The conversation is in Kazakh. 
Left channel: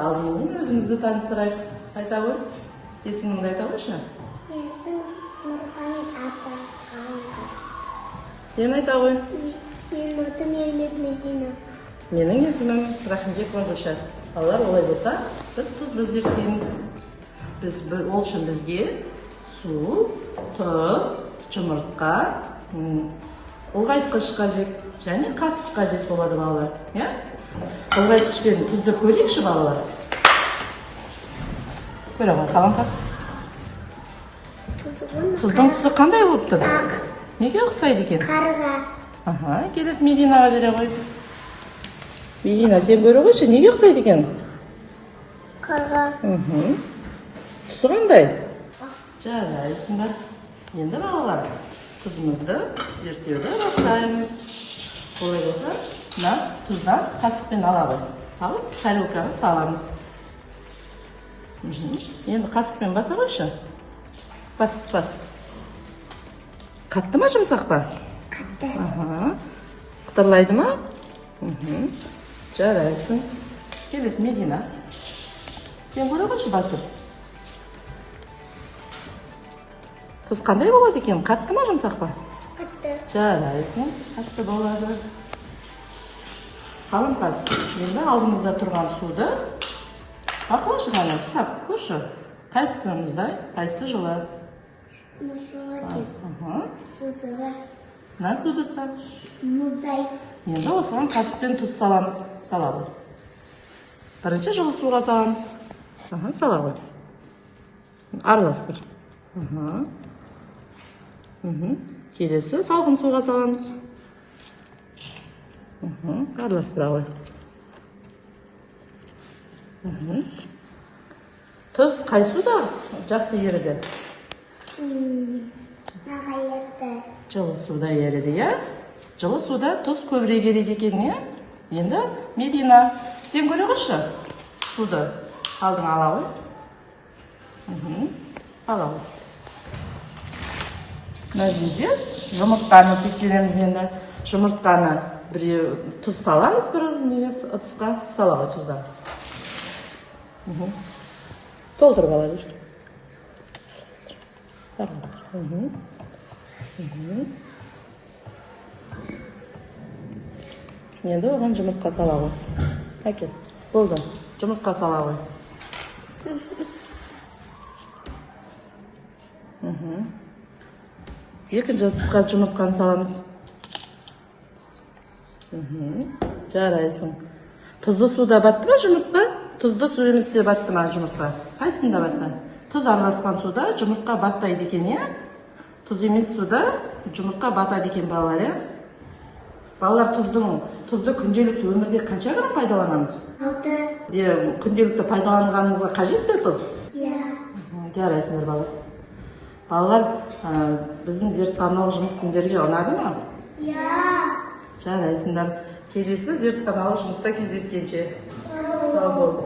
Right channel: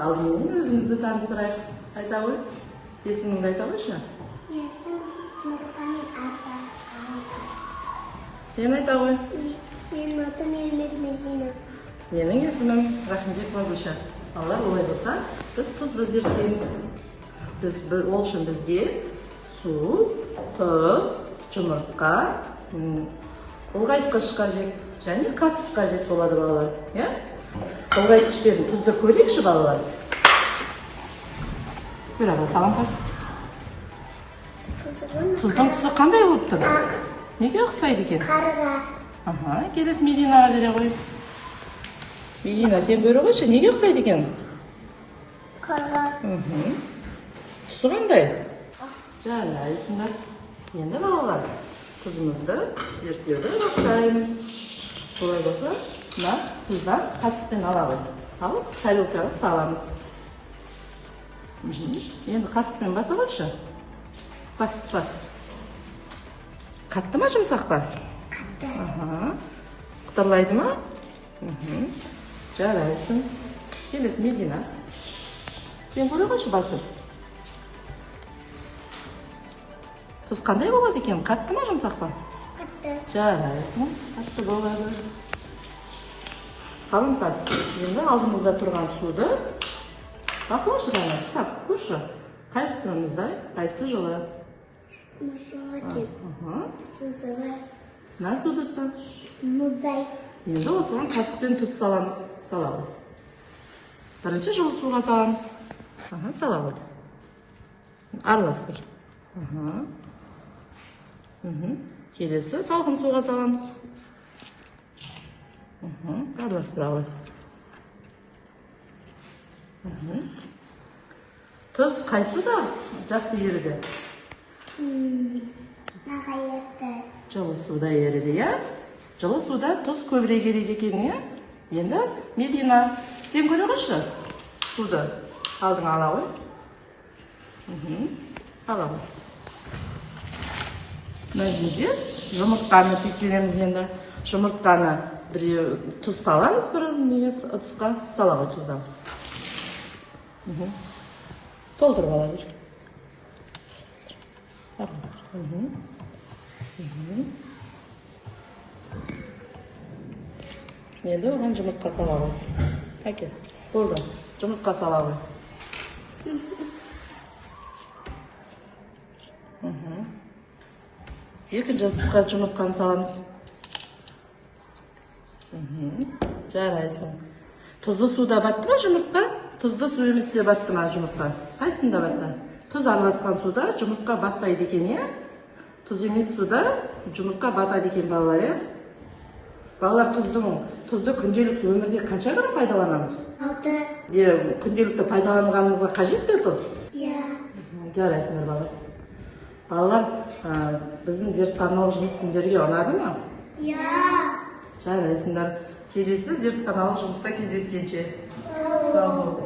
алдымен өзімізді таныстырайық. Айта ғой. Есіміңді айта қойшы. Есім Нұрхан апа. Сен айта ғой. Менің атым Ермек Мезина. Менің есімім Рахымбек Мағұша. Балалар, олай болса, біз тұзды зерттейміз. Ол үшін бізге су, тұз, жұмыртқа, ұлғайтқыш қажет және қасық қажет болады балалар. Ұлғайтқыш пен тұзды көрейікші балалар. Көре қалам қас. Тұздың тұзы қандай болып тұр? Ақ. Неге ұқсайды екен? Қарға. Келесі Мединаға бере ғой. Медина, сен көре қойшы, неге ұқсайды екен? Қарға. Түсі қандай? Жарайсыңдар. Енді балалар, тұзымызды зерттеуді бастаймыз. Олай болса, мына тұздан қасықпен аламыз. Алып, тарелкаға саламыз. Енді қасықпен баса қойшы. Бас. Қатты ма, жұмсақ па? Қатты. Қытырлайды ма? Жарайсың. Келесі Медина. Сен көре қойшы басып. Тұз қандай болады екен? Қатты ма, жұмсақ па? Қатты. Жарайсың. Қатты болады. Қалыңқас. Енді алдымызда тұрған суды бақылашы ғана, ұстап көрші. Қайсысы мұздай, қайсысы жылы? Мұздай. Мына суды ұстап. Мұздай. Енді осыған қасықпен тұз саламыз. Салады. Бірінші жылы суға саламыз. Салады. Араластыр. Келесі салқын суға саламыз. Араластыра ғой. Тұз қай суда жақсы еріді? Жылы суда еріді, иә? Жылы суда тұз көбірек ереді екен, иә? Енді Медина, сен көре қойшы суды. Алдын алауы. Алауы. Мына жерде жұмыртқаны тексереміз енді. Жұмыртқаны біреу тұз саламыз, бір ыдысқа салауы тұздан. Толтыр бала бер. Енді оған жұмыртқа салауы. Әке, болды. Жұмыртқа салауы. Екінші ыдысқа жұмыртқаны саламыз. Жарайсың. Тұзды суда батты ма жұмыртқа? Тұзды су еместе батты ма жұмыртқа? Қайсында батты? Тұз араласқан суда жұмыртқа батпайды екен, е? Тұз емес суда жұмыртқа батады екен балалар, е? Балалар, тұзды күнделікті өмірде қанша рет пайдаланамыз? 6. Күнделікті пайдаланғанымызға қажет пе тұз? Иә. Жарайсыңдар балалар. Балалар, біздің зертханалық жұмыс сендерге ұнады ма? Иә. Жарайсыңдар. Келесі зертханалық жұмыста кездескенше. Сау бол.